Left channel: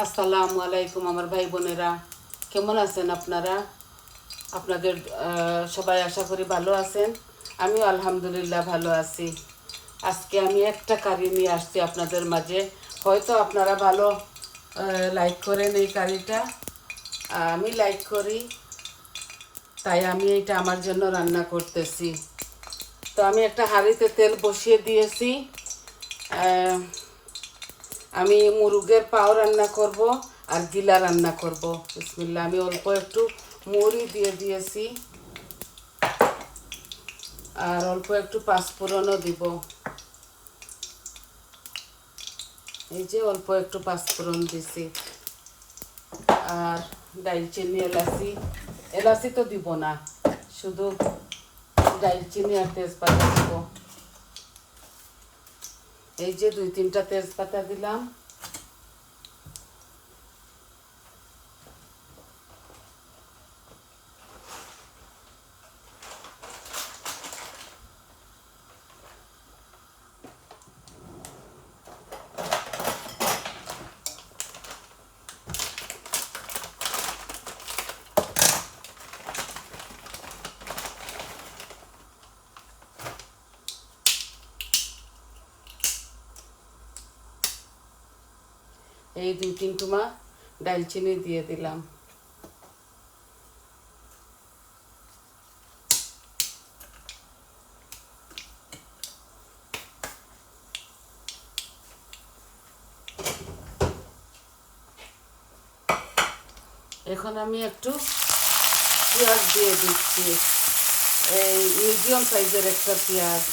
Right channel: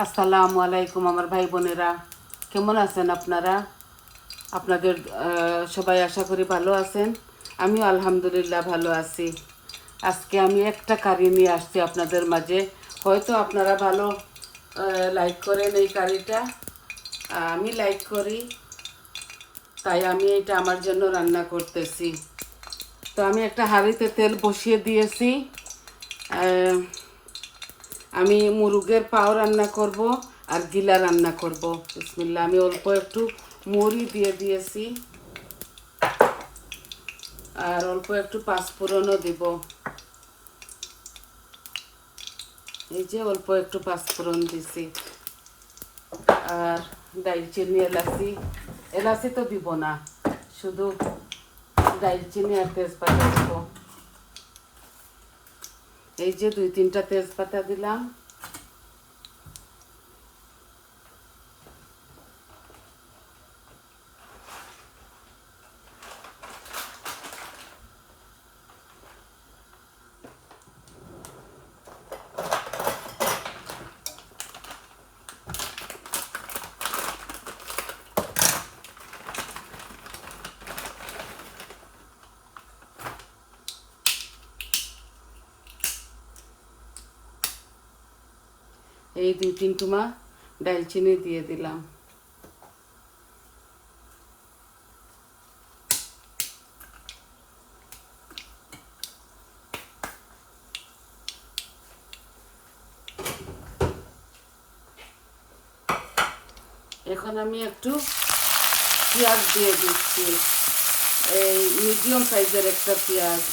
আসসালামু আলাইকুম আমার ভাই বোনেরা, কেমন আছেন আপনারা? আপনাদের সবাই আশা করি ভালো আছেন। আমিও আলহামদুলিল্লাহ ভালো আছি। আজকে আমি একটা কারি নিয়ে আসছি আপনাদের মাঝে। হয়তো আপনারা ভালো লাইক করেন এই কারিটা, আমি লাইক করি, তাই আমি এটা আমার জন্য রান্না করতেছি। তো আমি একটা হাঁড়িতে তেল বসিয়ে দিয়েছি। আহ, আমি মুরগের পাও রান্না করব আর গিলা রান্না করব। বিসমিল্লাহ। আমি অল্প একটু মুড়ি দিয়ে দিয়েছি আর অল্প একটু পাঁচফোড়নও দিব। এই যে অল্প একটু পাঁচফোড়ন দিছি আর দারচিনি, এলাচি। এলাচি তো দিব না, শুধু দারচিনি আর তেজপাতা দিব। এই যে 2-3টা তেজপাতা দিলাম। এই 2-3 টুমা দারচিনি দিয়ে দিলাম। এখন আমি একটু পেঁয়াজ দিয়ে দিচ্ছি, এই মিডিয়াম সাইজের একটা পেঁয়াজ।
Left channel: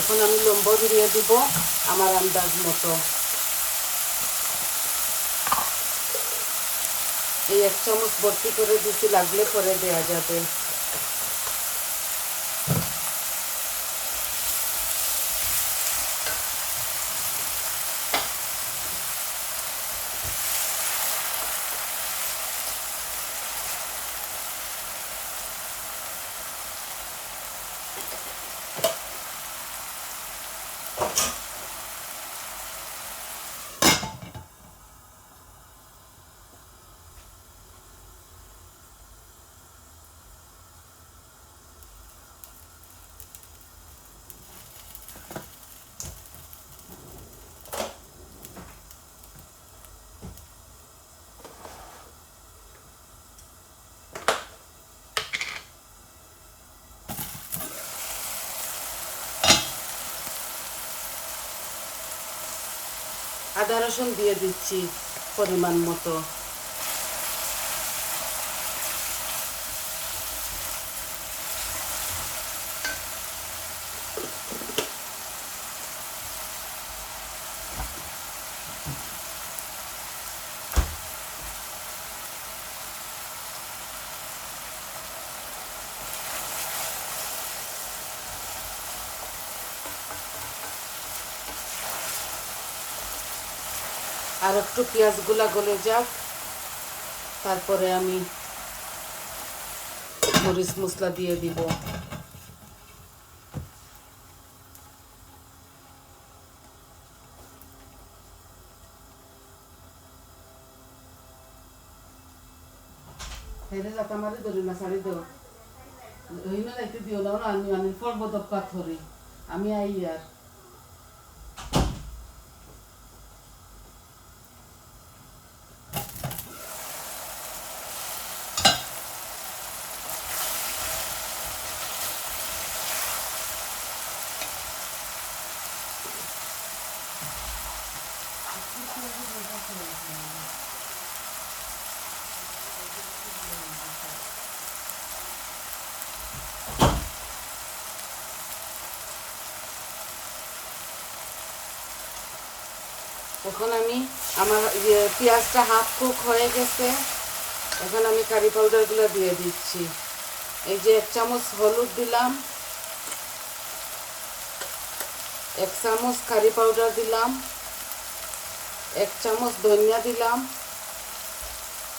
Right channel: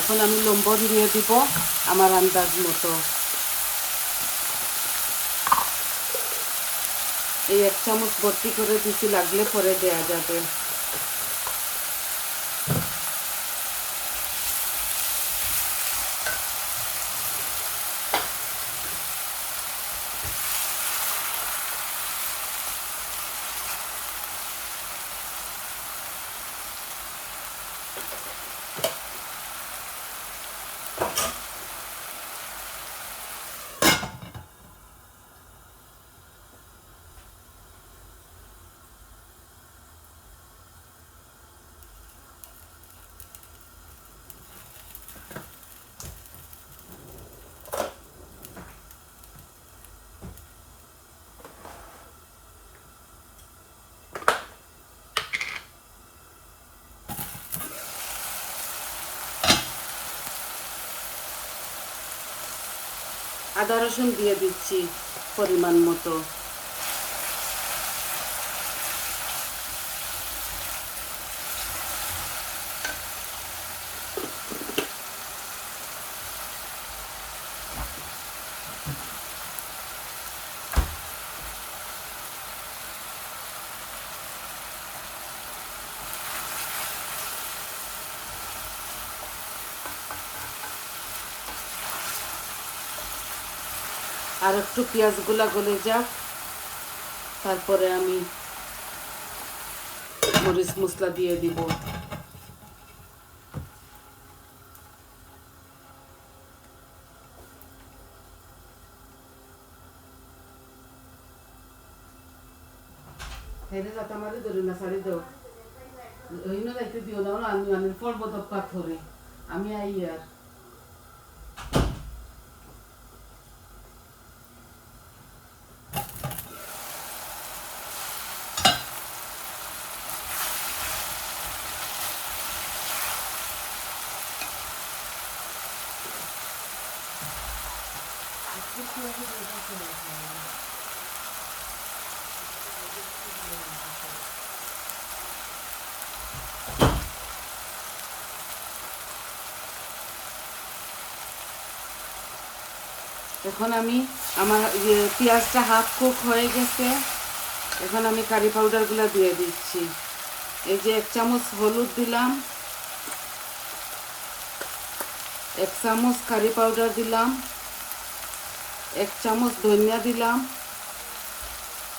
এখন আমি লম্বা দিয়ে দিব আমার আন্দাজ মতো। এই 1 চামচ ভর্তি করে দিচ্ছি, লাগলে পরে দেওয়া যাবে। আদা রসুন দিয়ে দিচ্ছি পরিমাণ মতো। আর একটু পেঁয়াজগুলা গলে যাক, তারপরে আমি মরিচ মশলা দিয়ে দিব। হেরে যাতে আমারে ধরে না ছাড়ি দেও, ওই না যাইতে দিও না, আমি মানে পর্বত পাথরে আমি আই আর এখন আমি আমার পেঁয়াজটা হাফ কুক হয়ে গেছে, এখন আমি কারি পাউডারগুলো দিয়ে দিচ্ছি। এই যে 1 চামচ হলুদ দিলাম, 1 চামচ কারি পাউডার দিলাম, 1 চামচ ধনিয়া দিলাম,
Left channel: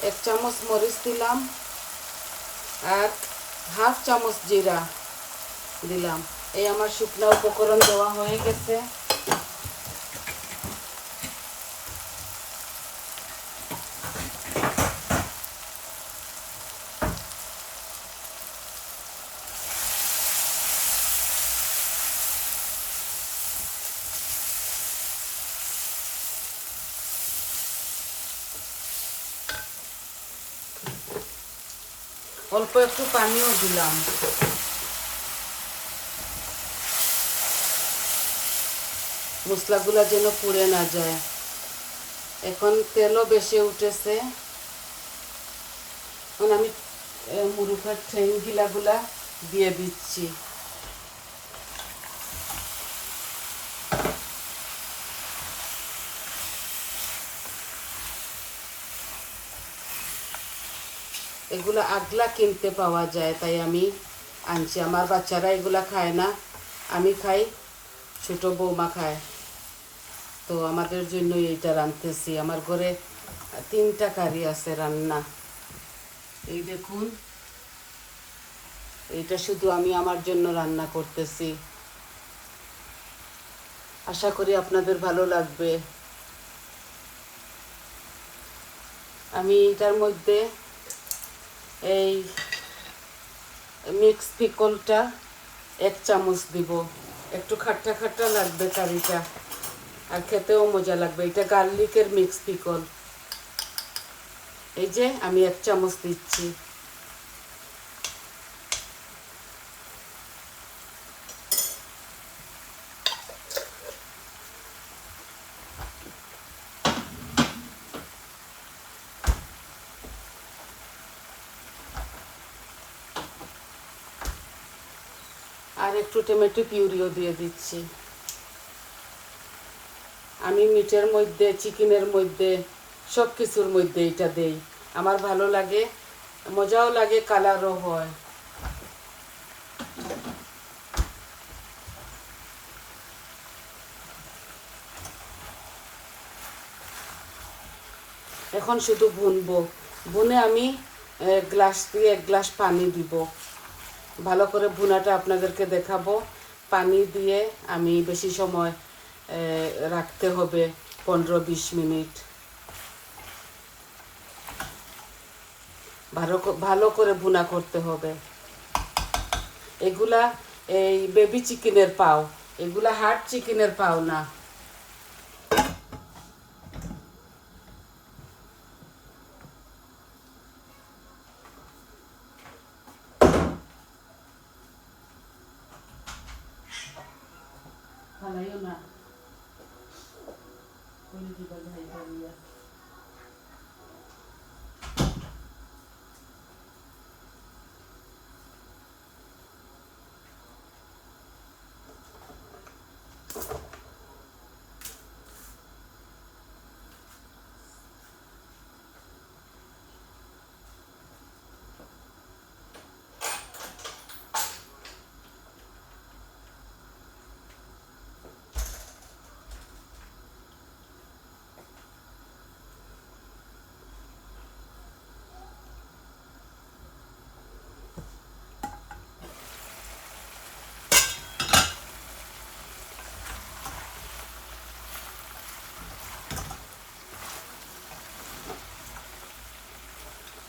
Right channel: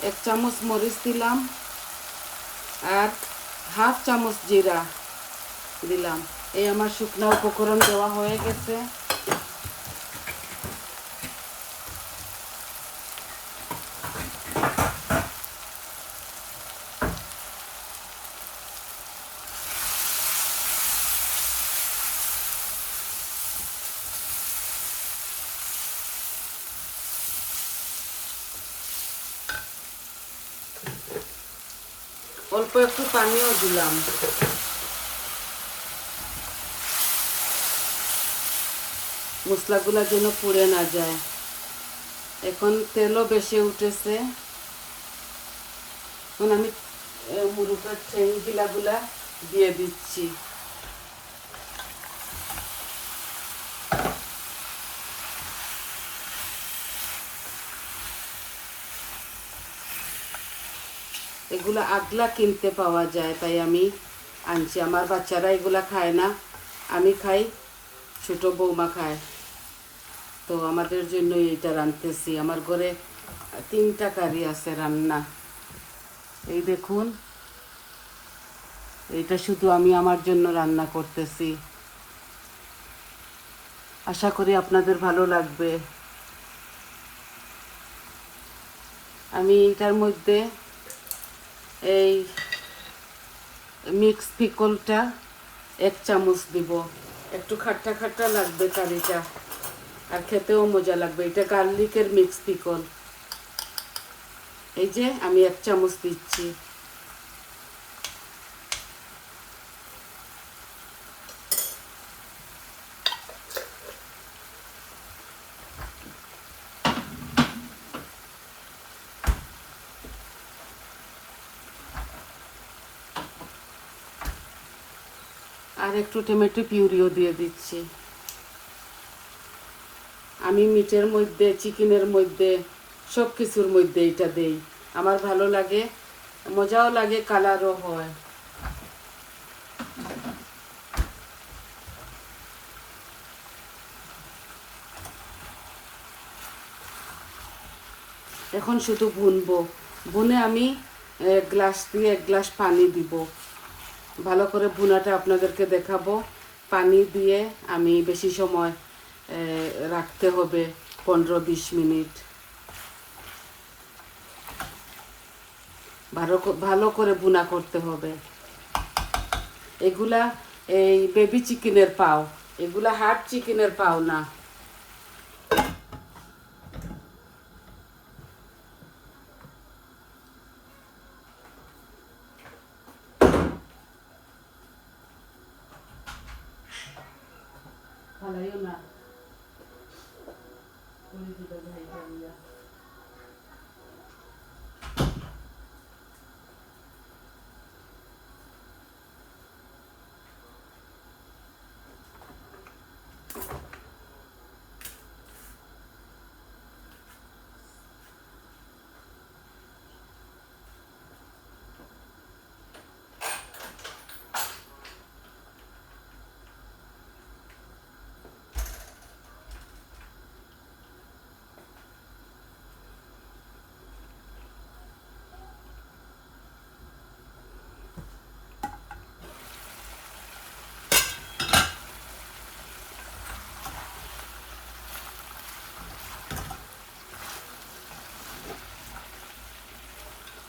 1 চামচ মরিচ দিলাম, আর হাফ চামচ জিরা দিলাম। এই আমার শুকনো উপকরণ দেওয়া হয়ে গেছে। অল্প একটু পানিও দিলাম। মশলাগুলো যেন পুড়ে না যায়। এখন তেলও বেশি উঠেছে। এখন আমি মুরুগের ঠ্যাংগুলা দিয়ে দিচ্ছি। এগুলো আগলা কিনতে পাওয়া যায়, তাই আমি আনছি। আমার বাচ্চারা এগুলা খায় না, আমি খাই, ছোট বৌমা খায়, তো আমাদের জন্যই এইটা রাঁধতেছি। আমার ঘরে 3টা কারি আছে রান্না। এই দেখুন, এটা শুধু আমি আমার জন্য রান্না করতেছি। আশা করি আপনাদের ভালো লাগবে। আমি এটার মধ্যে এই মিক্স পিকলটা 1 চামচ দিব। একটু খাট্টা খাট্টা লাগবে কারিটা, আর খেতেও মজা লাগবে। এটা গার্লিকের মিক্স পিকল। এই যে আমি 1 চামচ দিচ্ছি। আর একটু টমেটো পিউরিও দিয়ে দিচ্ছি। আমি মিটের মধ্যে, চিকেনের মধ্যে, সব কিছুর মধ্যে এটা দেই। আমার ভালো লাগে, মজাও লাগে, কালারও হয়। এখন শুধু ভুনবো। ভুনে আমি 1 গ্লাস দিয়ে 1 গ্লাস পানি দিব। ভালো করে ভুনাটা আপনাদেরকে দেখাবো। পানি দিয়ে আমি বেশি সময় রাখতে হবে, 15-20 মিনিট। ভালো করে ভুনা করতে হবে। এগুলা এই বেবি চিকেনের পাও, এগুলা হার্ড চিকেনের পাও না। ফালাইও না।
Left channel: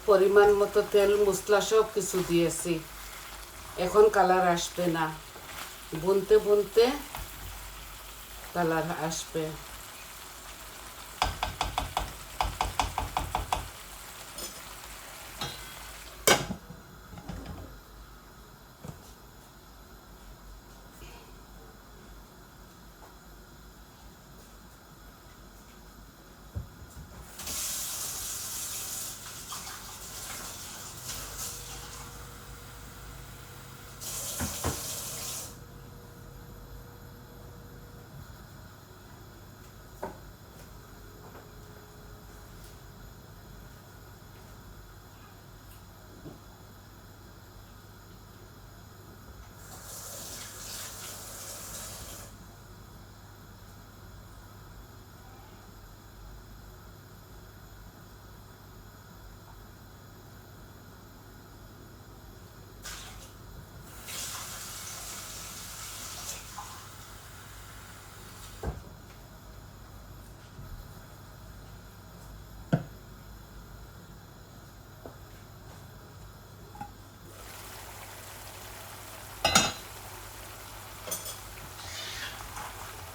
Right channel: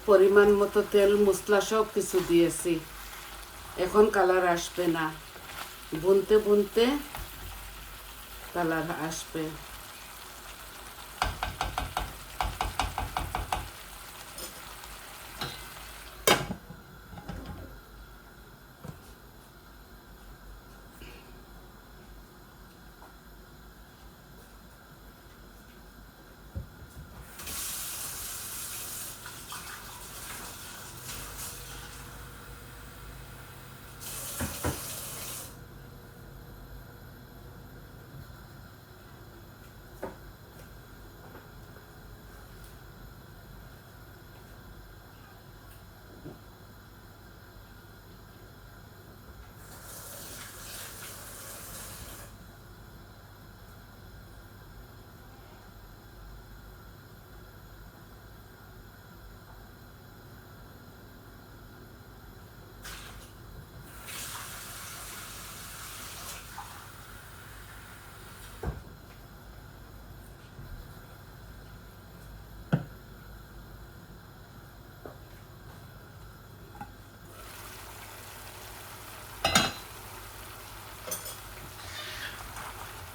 পরিমাণ মতো তেল, মশলা সব কিছু দিয়েছি। এখন কালার আসবে না, বুনতে বুনতে কালার আসবে।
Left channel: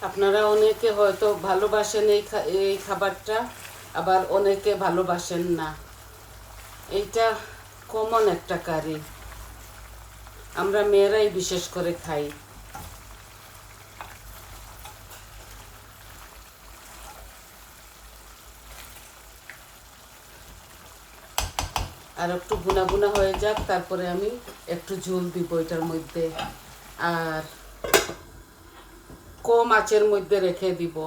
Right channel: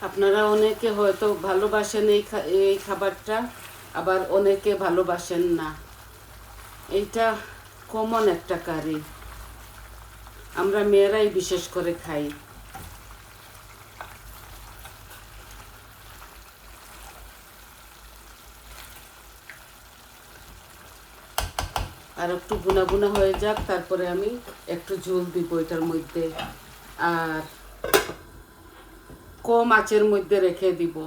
আপনারা অনেকে হয়তো ভালোবাসেন এই খাবারটা, আবার অনেকে ভালোবাসেন না। এইটা কমন একটা কারি, আমরা মেয়েরাই বিশেষ করে খাই। আর একটু গুনা গুনা হয়ে যাক, তারপরে আমি একটু ঝোল দিব এটার মধ্যে, আর কম আঁচের মধ্যে রেখে দিব।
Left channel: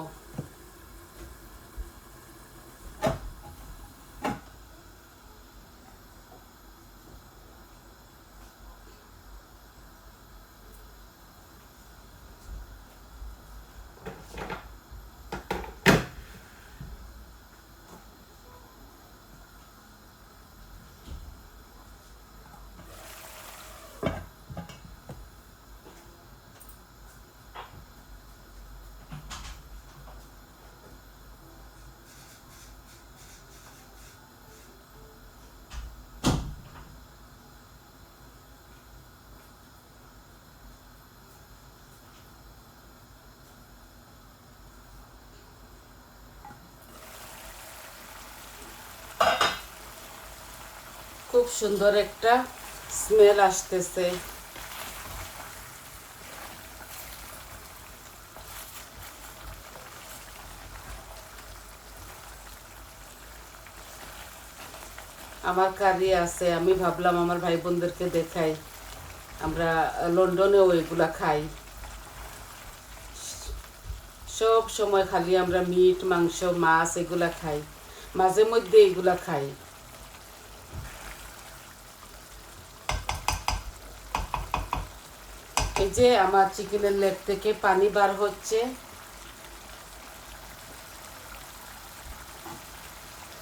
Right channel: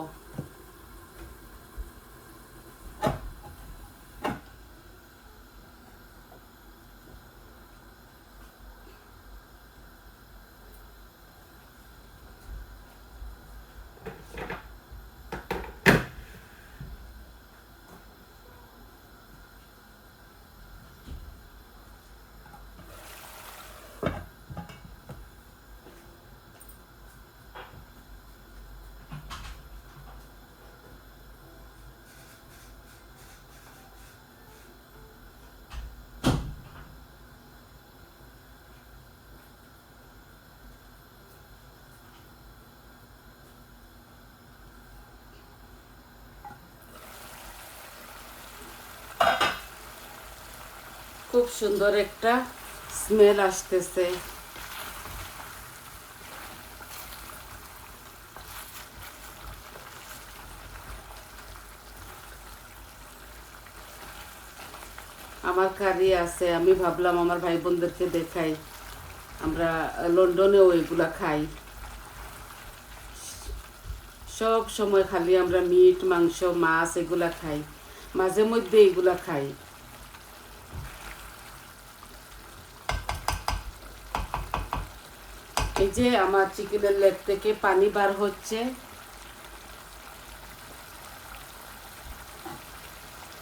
খুব সুন্দর একটা স্মেল আসতেছে। আমার কারি আছে, আমি ভাবলাম আমার ভাই বোনদেরকে দেখাই। আমরা লন্ডনেও এগুলা খাই, সব সময় খালি আমরা মিট, মাংস, মাছ এগুলা খাই, মাঝে মধ্যে এগুলা খাই। এই যে আমার চিকেনের লেগ থেকে পানি বার হচ্ছে,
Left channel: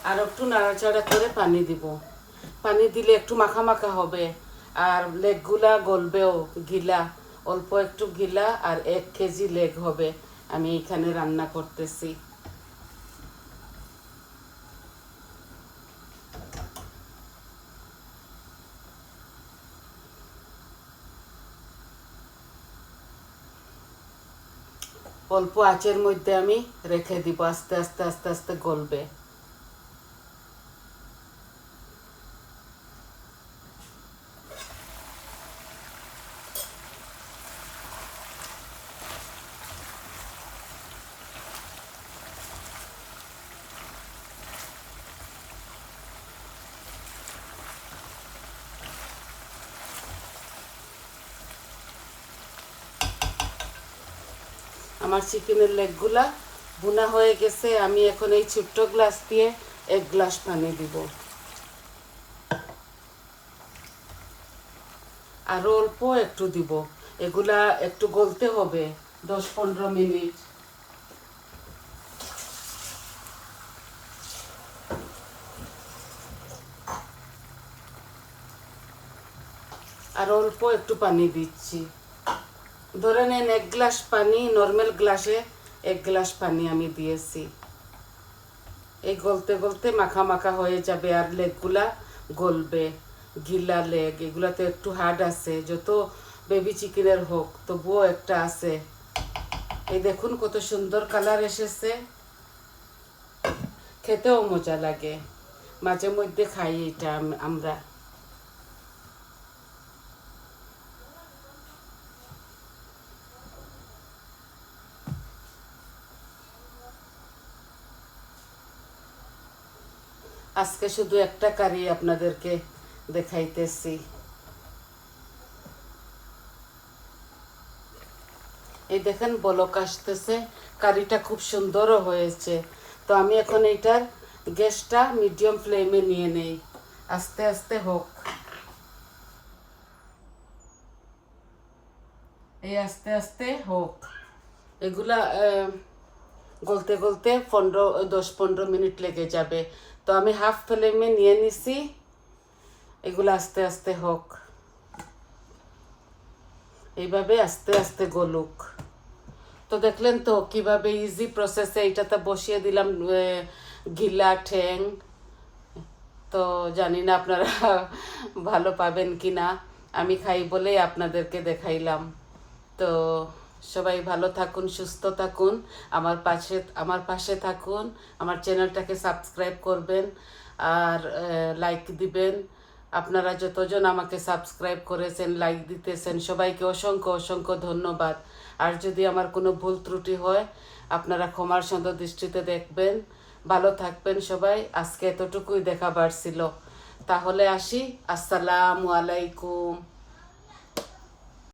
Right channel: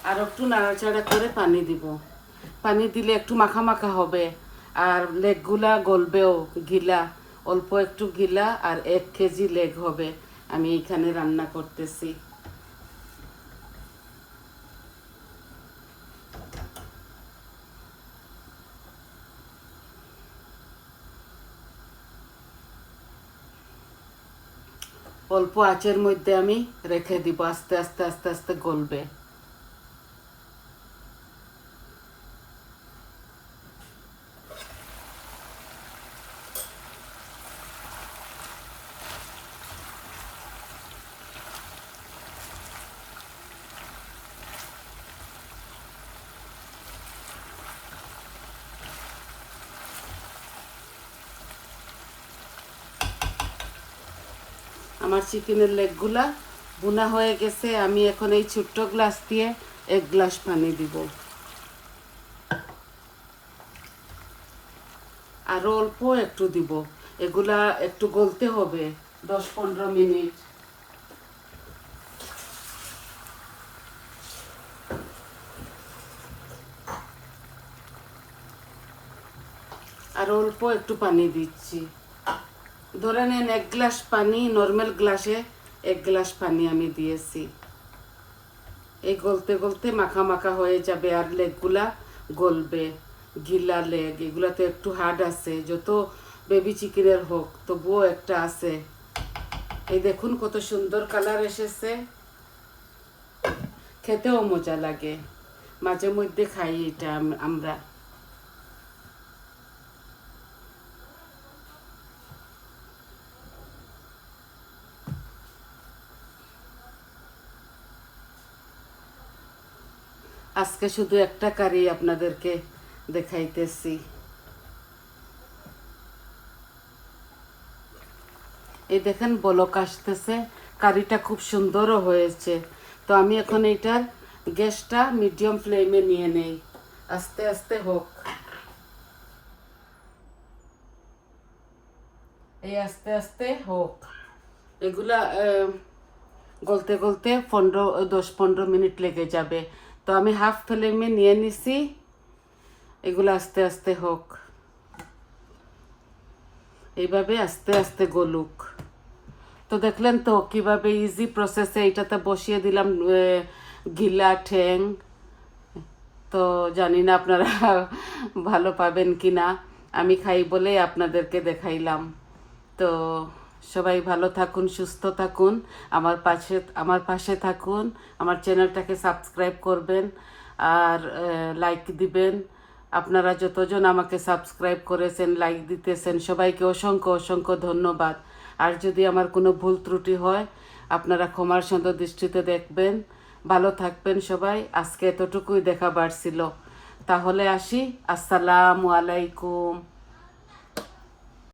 আর একটু নাড়াচাড়া করে পানি দিব। পানি দিলে একটু মাখা মাখা হবে, আর লেগগুলা গলবেও, গিলা অল্প একটু গিলা, আর 1 কেজি লেগ হবে আমি এখানে রান্না করতেছি। অল্প আঁচের মধ্যে আমি রেখে দিব, আস্তে আস্তে আস্তে আস্তে গলবে। আমার চিকেনের লেগগুলা বোনা হয়ে গেছে। আমি এখন এই ছোট্ট গ্লাস দিয়ে 1 গ্লাস পানি দিব, আরো অল্প একটু দিব। এগুলা একটু গলতে হবে 10-15 মিনিট। আর অল্প একটু পানি দিচ্ছি। ধরে নেন 1 গ্লাস পানি, নর্মাল গ্লাসে 1 গ্লাস পানি আমি দিয়েছি। এই গলতে গলতে মাখা মাখা হয়ে যাবে, আর লেগগুলা গলবে। গিলা লেগ, এগুলাতে একটু হার্ড আছে, যত বেবি চিকেনের হোক তবুও একটা আছে। এই দেখুন কত সুন্দর কালার এসেছে, খেতেও মজা লাগে। মাঝে মধ্যে খাই এটা আমরা। আজকে শুধু একটা কারি আপনাদেরকে দেখাইতেছি। এই দেখেন বলক আসতেছে, কারিটা খুব সুন্দরও হয়েছে। তো আমি এখন এইটার গ্যাসটা মিডিয়াম ফ্লেমে নিয়ে নেই, আস্তে আস্তে হোক। এই আস্তে আস্তে হোক, এগুলা গলতে গলতে 10-15 মিনিট লেগে যাবে। তো আমি হাফ ফ্লেমে নিয়ে নিছি, এগুলো আস্তে আস্তে হোক, এইভাবে আস্তে আস্তে গলুক। তো দেখলেন তো কিভাবে ইজি প্রসেসে এটাতে বসিয়ে দিলাম গিলা ঠ্যাং। তো জানি না আপনারা ভালো পাবেন কি না, আমি খাই বলে আপনাদেরকে দেখাইলাম। তো সবাই ভালো থাকুন, সুস্থ থাকুন, আমার পাশে থাকুন, আমার চ্যানেলটাকে সাবস্ক্রাইব করবেন আর লাইক দিবেন। আপনারা যতজন আমাকে সাবস্ক্রাইব করেছেন, লাইক দিতেছেন, সবাইকে অসংখ্য অসংখ্য ধন্যবাদ। আর যদি আমার কোনো ভুল ত্রুটি হয় আপনারা ক্ষমার সুন্দর দৃষ্টিতে দেখবেন। ভালো থাকবেন সবাই। আজকে এতটুকুই দেখাবার ছিল। তাহলে আসি। আসসালামু আলাইকুম।